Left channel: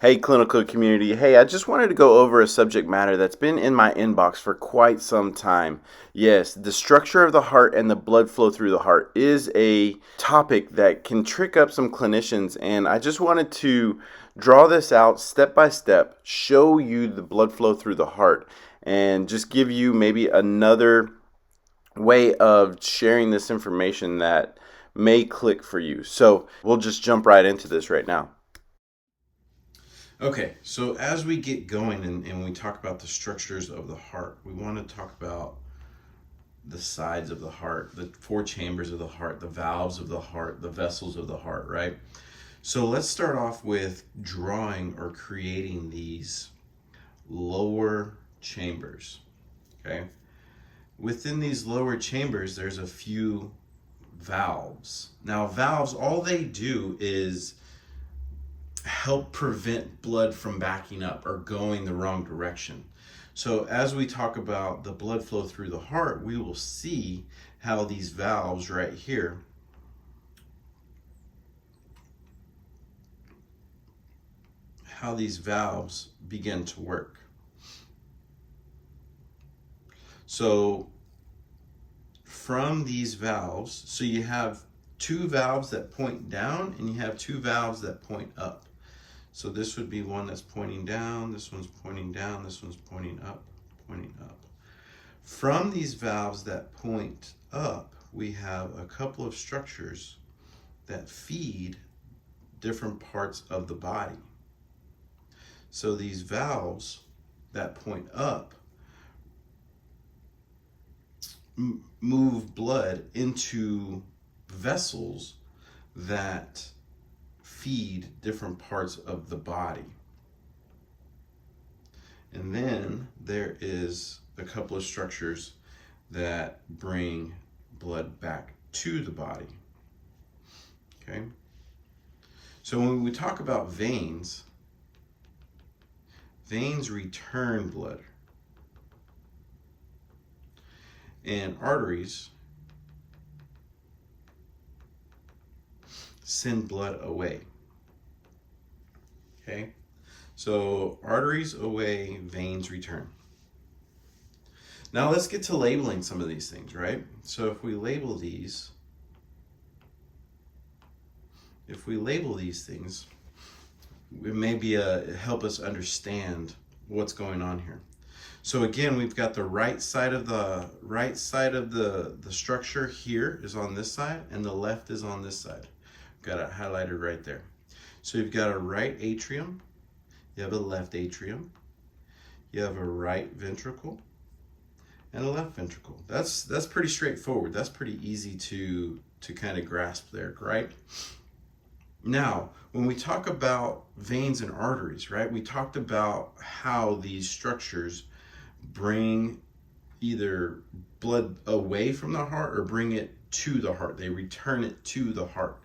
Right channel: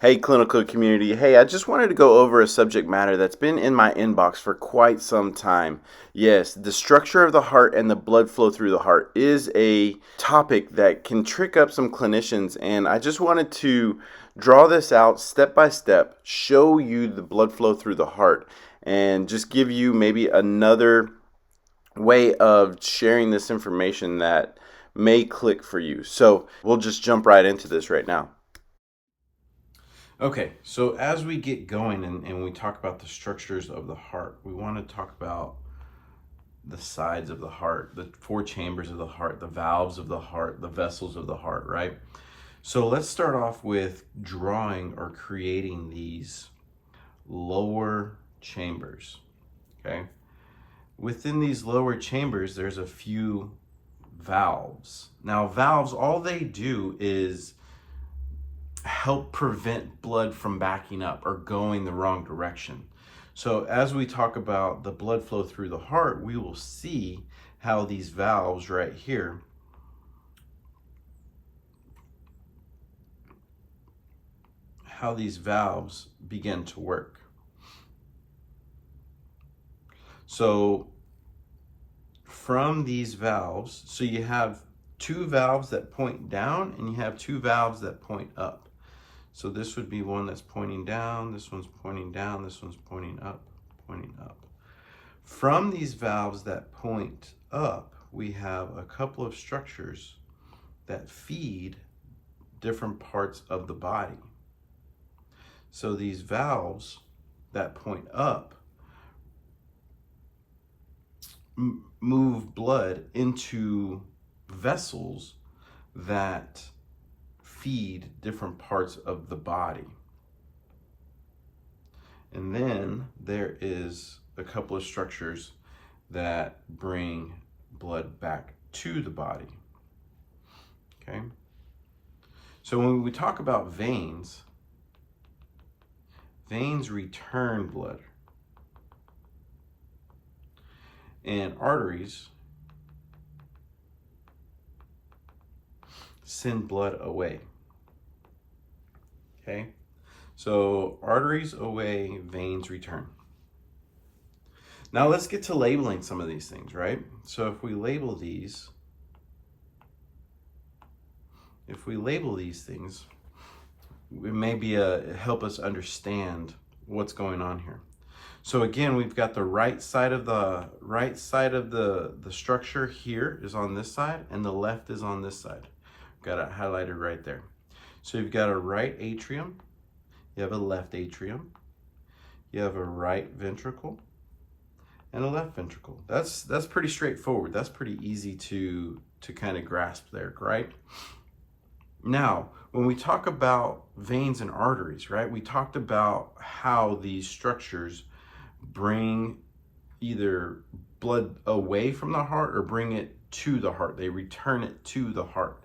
Hey, clinical community. Hey, I just wanted to go over a subject matter that's been in my inbox for quite some time. Yes, the structure of the heart and the blood flow through the heart is a topic that can trick up some clinicians, and I just wanted to draw this out step by step, show you the blood flow through the heart, and just give you maybe another way of sharing this information that may click for you. So we'll just jump right into this right now. Okay, so as we get going and we talk about the structures of the heart, we want to talk about the sides of the heart, the four chambers of the heart, the valves of the heart, the vessels of the heart, right? So let's start off with drawing or creating these lower chambers, okay? Within these lower chambers, there's a few valves. Now, valves, all they do is help prevent blood from backing up or going the wrong direction. So as we talk about the blood flow through the heart, we will see how these valves right here begin to work. So from these valves, so you have two valves that point down and you have two valves that point up. So this would be one that's pointing down, this one's pointing down, this one's pointing up, pointing up. From these valves that point up, we have a couple of structures that feed different parts of the body. So these valves that point up move blood into vessels that feed different parts of the body. And then there is a couple of structures that bring blood back to the body. Okay? So when we talk about veins, veins return blood. And arteries send blood away. Okay? So arteries away, veins return. Now let's get to labeling some of these things, right? So if we label these things, it may be help us understand what's going on here. So again, we've got the right side of the structure here is on this side, and the left is on this side. Got it highlighted right there. So you've got a right atrium, you have a left atrium, you have a right ventricle, and a left ventricle. That's pretty straightforward. That's pretty easy to kind of grasp there, right? Now, when we talk about veins and arteries, right, we talked about how these structures bring either blood away from the heart or bring it to the heart. They return it to the heart.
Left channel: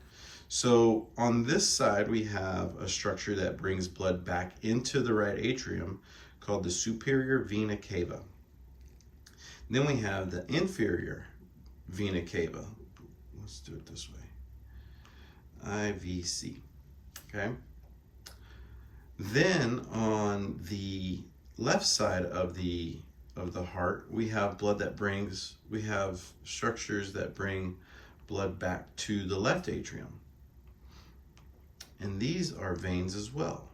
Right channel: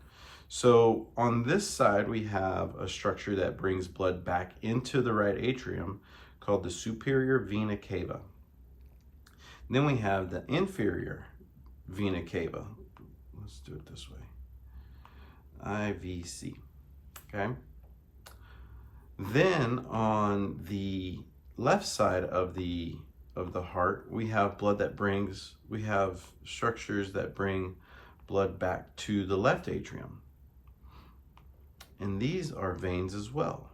So on this side, we have a structure that brings blood back into the right atrium called the superior vena cava. Then we have the inferior vena cava. Let's do it this way. IVC, okay? Then on the left side of the heart, we have structures that bring blood back to the left atrium. And these are veins as well.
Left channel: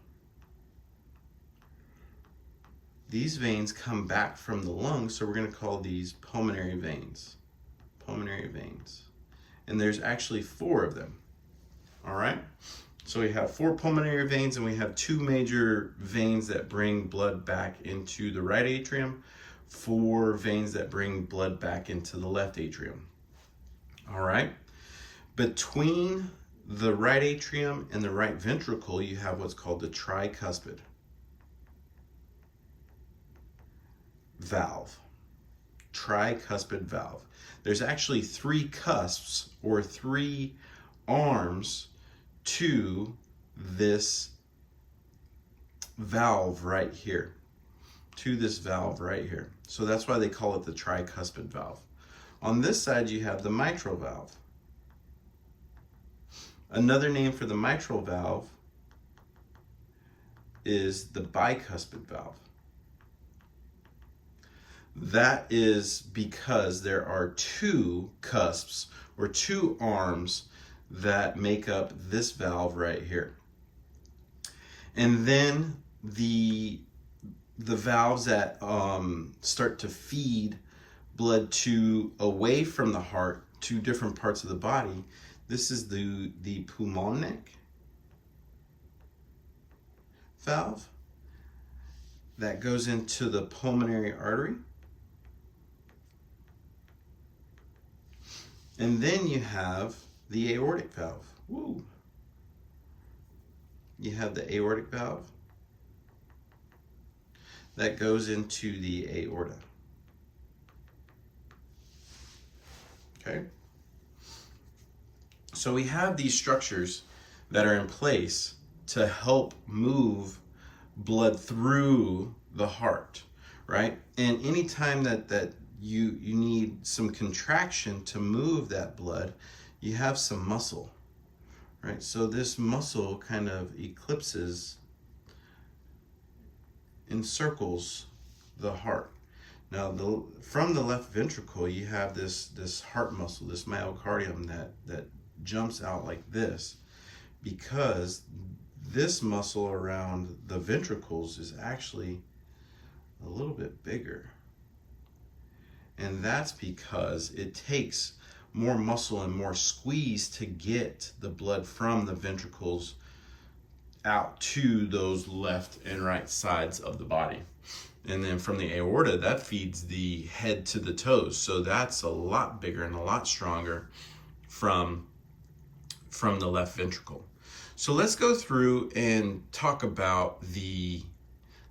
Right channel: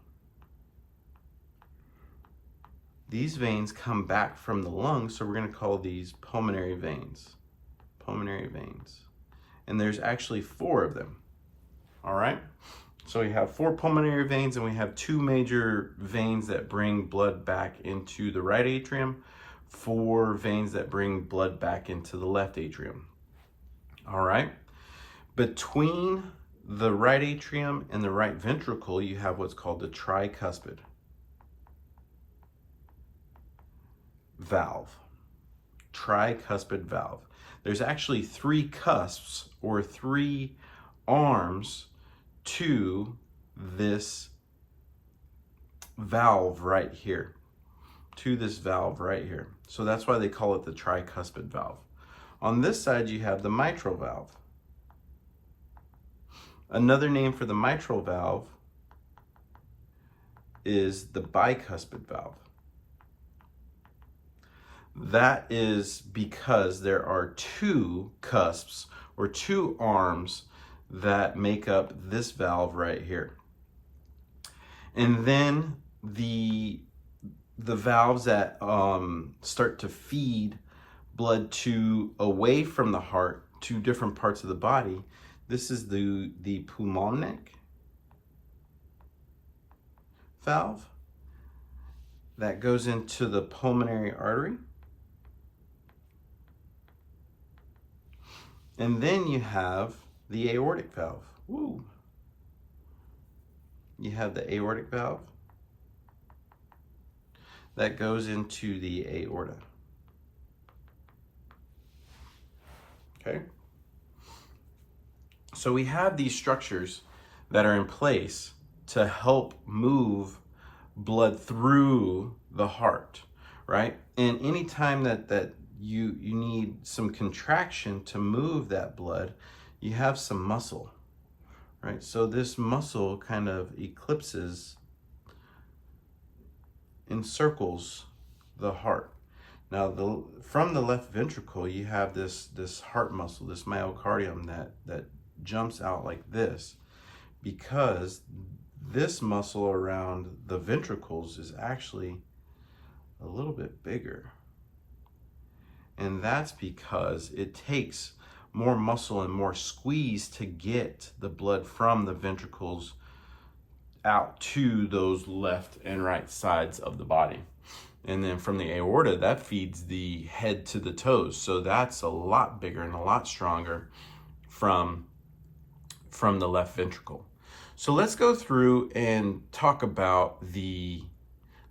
These veins come back from the lungs, so we're going to call these pulmonary veins. Pulmonary veins. And there's actually 4 of them. All right? So we have 4 pulmonary veins, and we have 2 major veins that bring blood back into the right atrium, 4 veins that bring blood back into the left atrium. All right? Between the right atrium and the right ventricle, you have what's called the tricuspid valve. Tricuspid valve. There's actually 3 cusps or 3 arms to this valve right here. So that's why they call it the tricuspid valve. On this side, you have the mitral valve. Another name for the mitral valve is the bicuspid valve. That is because there are two cusps or two arms that make up this valve right here. And then the valves that start to feed blood away from the heart to different parts of the body. This is the pulmonic valve that goes into the pulmonary artery. And then you have the aortic valve. Woo. You have the aortic valve that goes into the aorta. Okay? So we have these structures that are in place to help move blood through the heart, right? And anytime that you need some contraction to move that blood, you have some muscle, right? So this muscle kind of encircles the heart. Now, from the left ventricle, you have this heart muscle, this myocardium that jumps out like this, because this muscle around the ventricles is actually a little bit bigger. And that's because it takes more muscle and more squeeze to get the blood from the ventricles out to those left and right sides of the body. And then from the aorta, that feeds the head to the toes. So that's a lot bigger and a lot stronger from the left ventricle. So let's go through and talk about the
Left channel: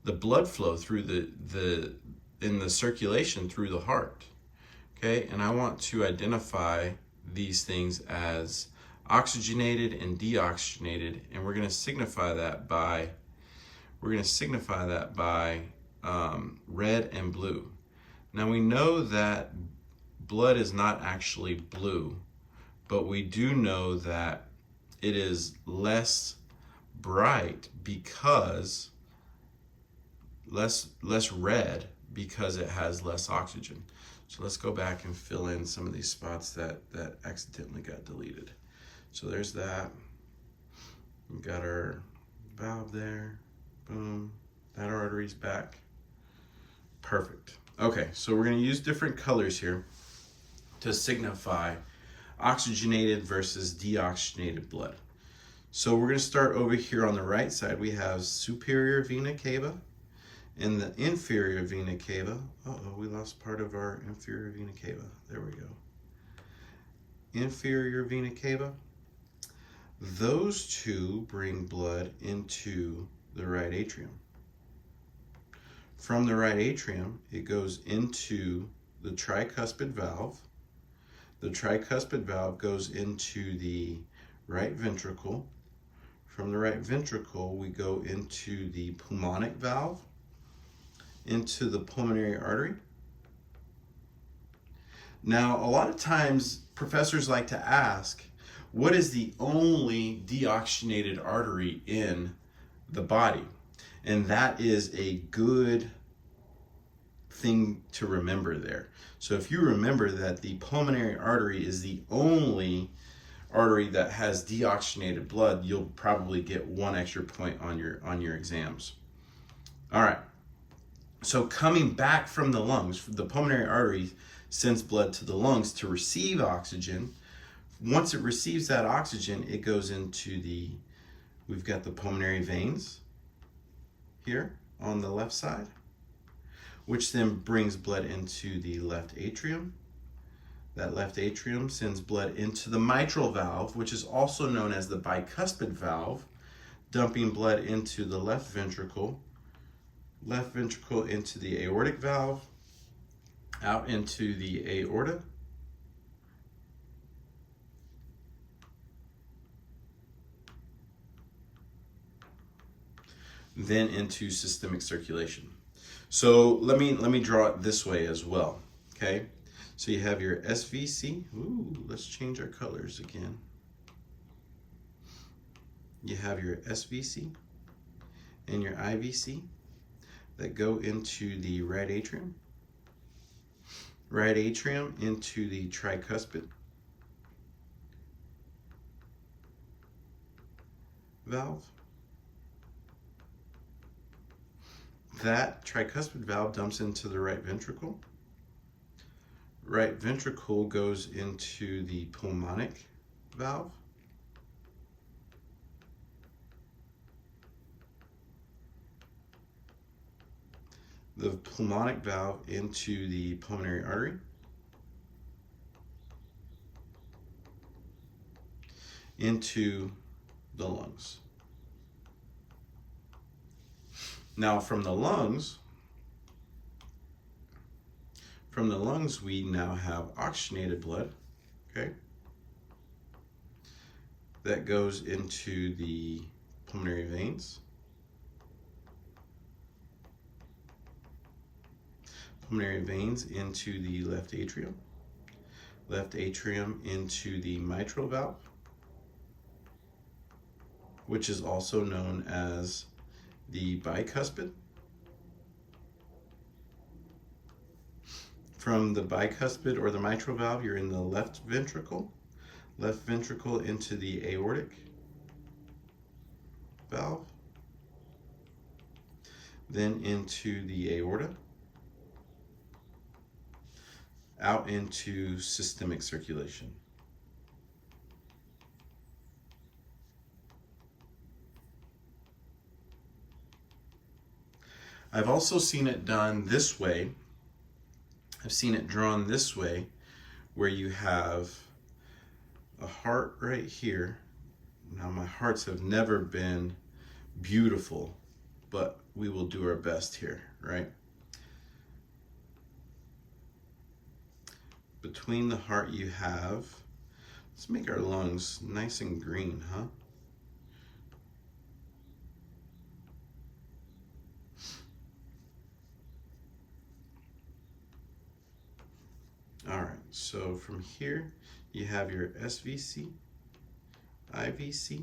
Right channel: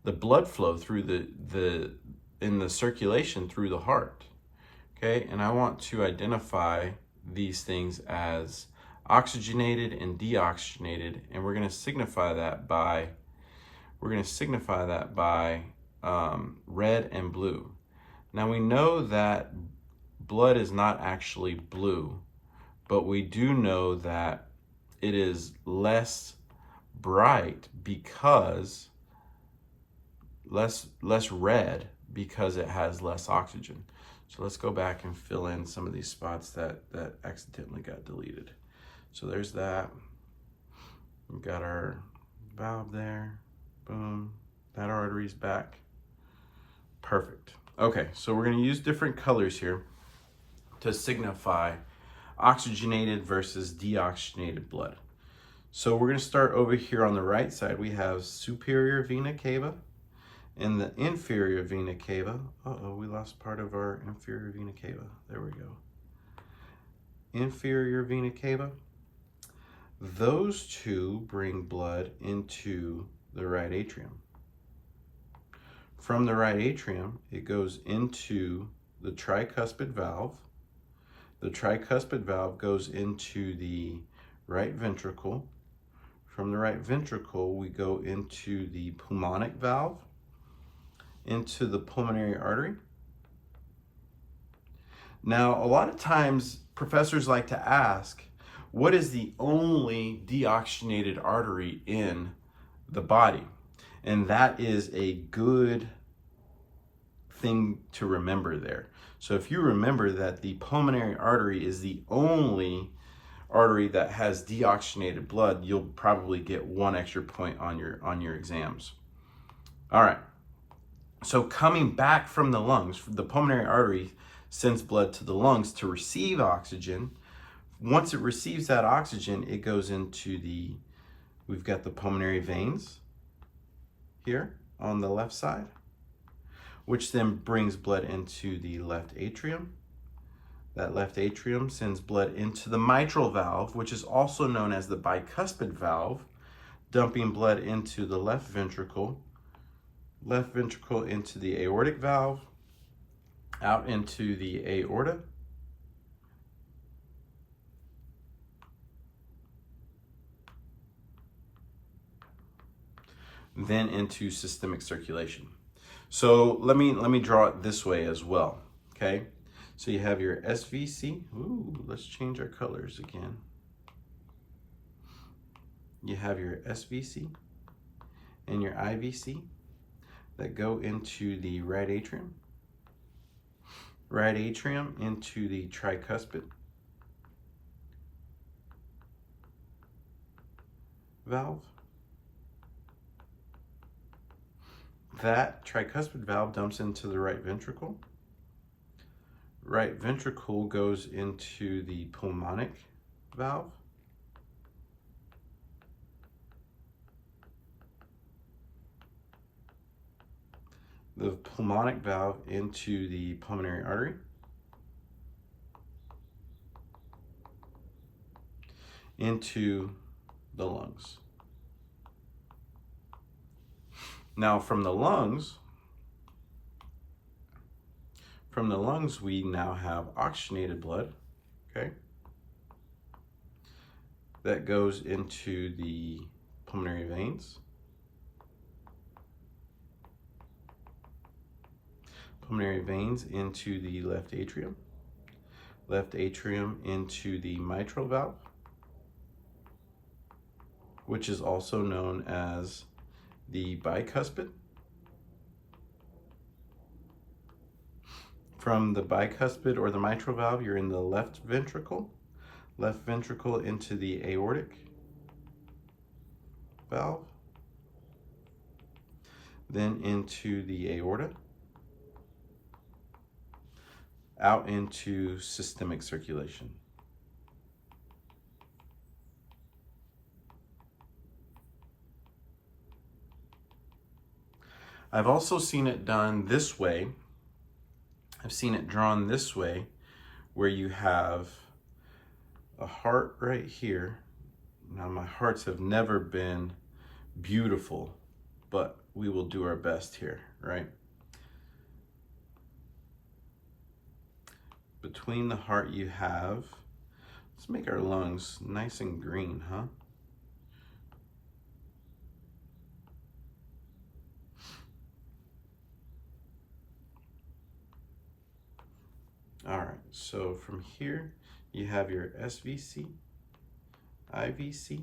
blood flow through in the circulation through the heart. Okay, and I want to identify these things as oxygenated and deoxygenated, and we're going to signify that by red and blue. Now we know that blood is not actually blue, but we do know that it is less bright because less red because it has less oxygen. So let's go back and fill in some of these spots that accidentally got deleted. So there's that. We've got our valve there. Boom. That artery's back. Perfect. Okay, so we're going to use different colors here to signify oxygenated versus deoxygenated blood. So we're going to start over here on the right side. We have superior vena cava and the inferior vena cava. Uh-oh, we lost part of our inferior vena cava. There we go. Inferior vena cava. Those two bring blood into the right atrium. From the right atrium, it goes into the tricuspid valve. The tricuspid valve goes into the right ventricle. From the right ventricle, we go into the pulmonic valve, into the pulmonary artery. Now, a lot of times, professors like to ask, what is the only deoxygenated artery in the body? And that is a good thing to remember there. So if you remember that the pulmonary artery is the only artery that has deoxygenated blood, you'll probably get 1 extra point on your exams. All right. So coming back from the lungs, the pulmonary artery sends blood to the lungs to receive oxygen. Once it receives that oxygen, it goes into we've got the pulmonary veins here on the left side, which then brings blood into the left atrium. That left atrium sends blood into the mitral valve, which is also known as the bicuspid valve, dumping blood into the left ventricle into the aortic valve, out into the aorta, then into systemic circulation. So let me draw it this way as well, okay? So you have your SVC. Ooh, let's change our colors again. You have your SVC, and your IVC that go into the right atrium. Right atrium into the tricuspid valve. That tricuspid valve dumps into the right ventricle. Right ventricle goes into the pulmonic valve. The pulmonic valve into the pulmonary artery. Into the lungs. Now from the lungs we now have oxygenated blood, okay? That goes into the pulmonary veins. Pulmonary veins into the left atrium. Left atrium into the mitral valve, which is also known as the bicuspid. From the bicuspid or the mitral valve, you're in the left ventricle into the aortic valve, then into the aorta, out into systemic circulation. I've also seen it done this way. I've seen it drawn this way, where you have a heart right here. Now, my hearts have never been beautiful, but we will do our best here, right? Between the heart you have, let's make our lungs nice and green, huh? All right, so from here, you have your SVC, IVC,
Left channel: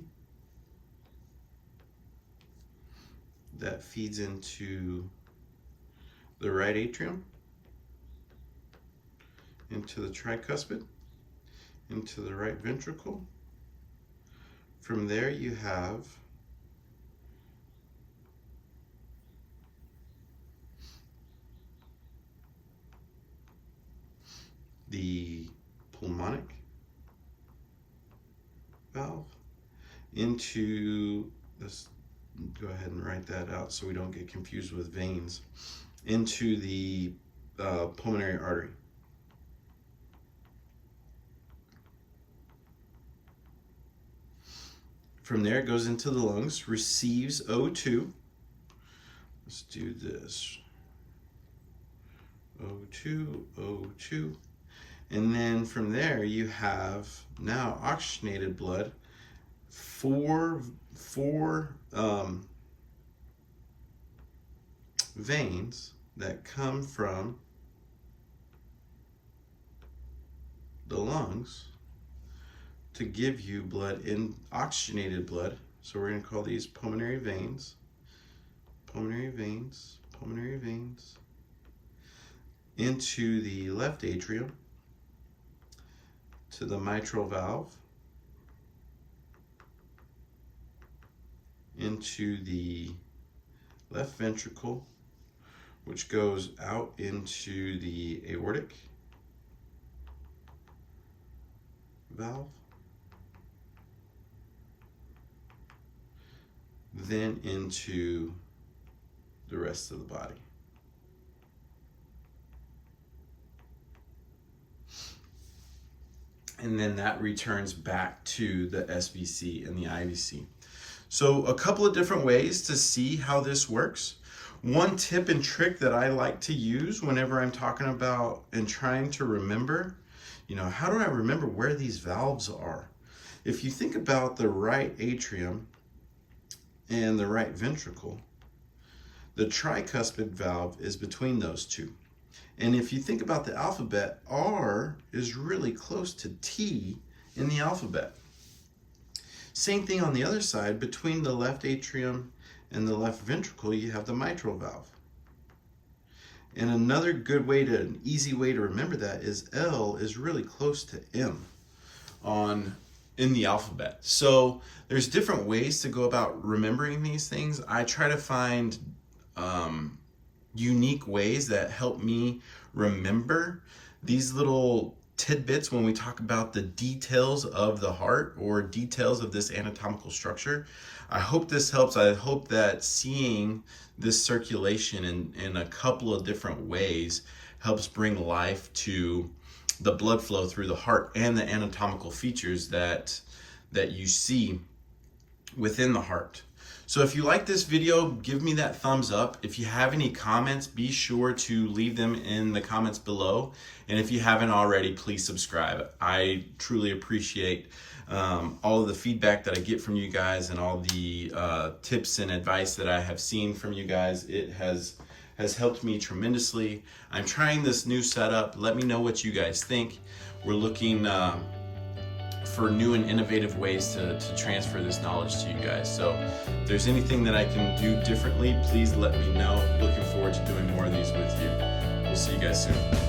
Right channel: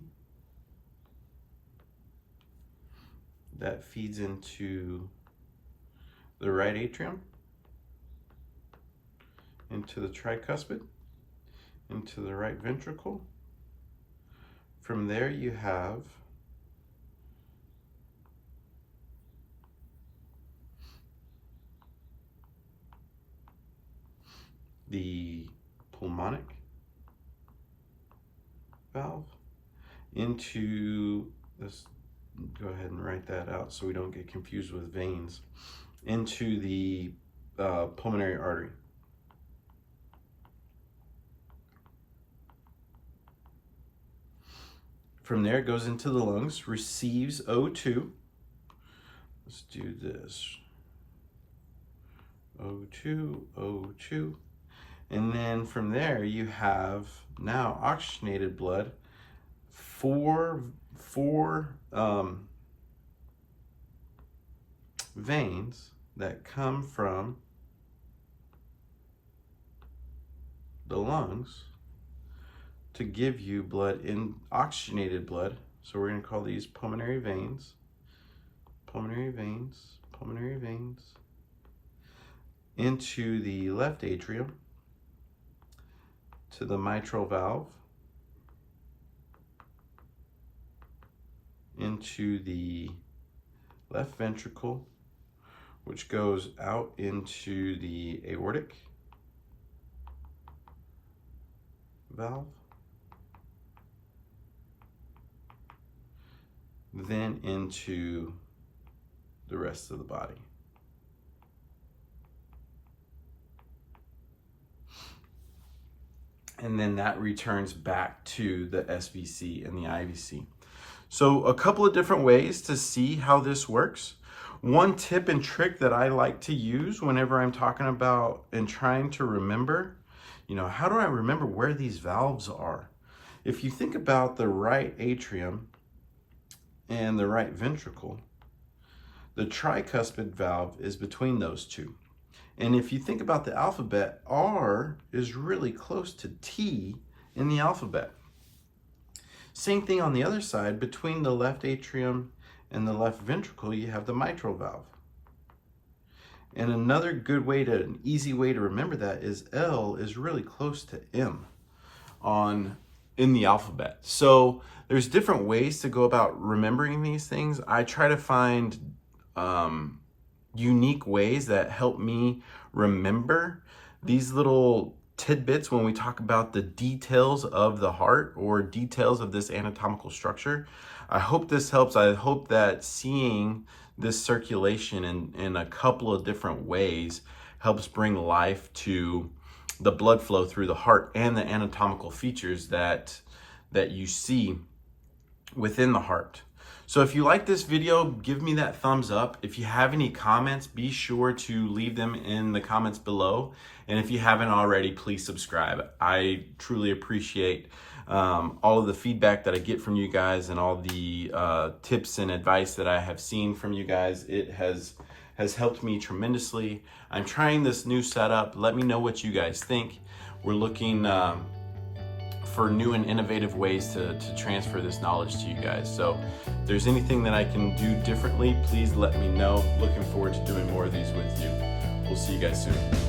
that feeds into the right atrium, into the tricuspid, into the right ventricle. From there, you have the pulmonic valve into this. Go ahead and write that out so we don't get confused with veins. Into the pulmonary artery. From there, it goes into the lungs, receives O2. Let's do this. O2, O2. And then from there, you have now oxygenated blood, four veins that come from the lungs to give you blood, in oxygenated blood. So we're going to call these pulmonary veins, pulmonary veins, pulmonary veins, into the left atrium, to the mitral valve, into the left ventricle, which goes out into the aortic valve, then into the rest of the body. And then that returns back to the SVC and the IVC. So a couple of different ways to see how this works. One tip and trick that I like to use whenever I'm talking about and trying to remember, how do I remember where these valves are? If you think about the right atrium and the right ventricle, the tricuspid valve is between those two. And if you think about the alphabet, R is really close to T in the alphabet. Same thing on the other side, between the left atrium In the left ventricle, you have the mitral valve. And another good way to, an easy way to remember that is L is really close to M in the alphabet. So there's different ways to go about remembering these things. I try to find unique ways that help me remember these little tidbits when we talk about the details of the heart or details of this anatomical structure. I hope this helps. I hope that seeing this circulation in a couple of different ways helps bring life to the blood flow through the heart and the anatomical features that you see within the heart. So if you like this video, give me that thumbs up. If you have any comments, be sure to leave them in the comments below. And if you haven't already, please subscribe. I truly appreciate all of the feedback that I get from you guys and all the tips and advice that I have seen from you guys. It has helped me tremendously. I'm trying this new setup. Let me know what you guys think. We're looking for new and innovative ways to transfer this knowledge to you guys. So if there's anything that I can do differently, please let me know. Looking forward to doing more of these with you. We'll see you guys soon.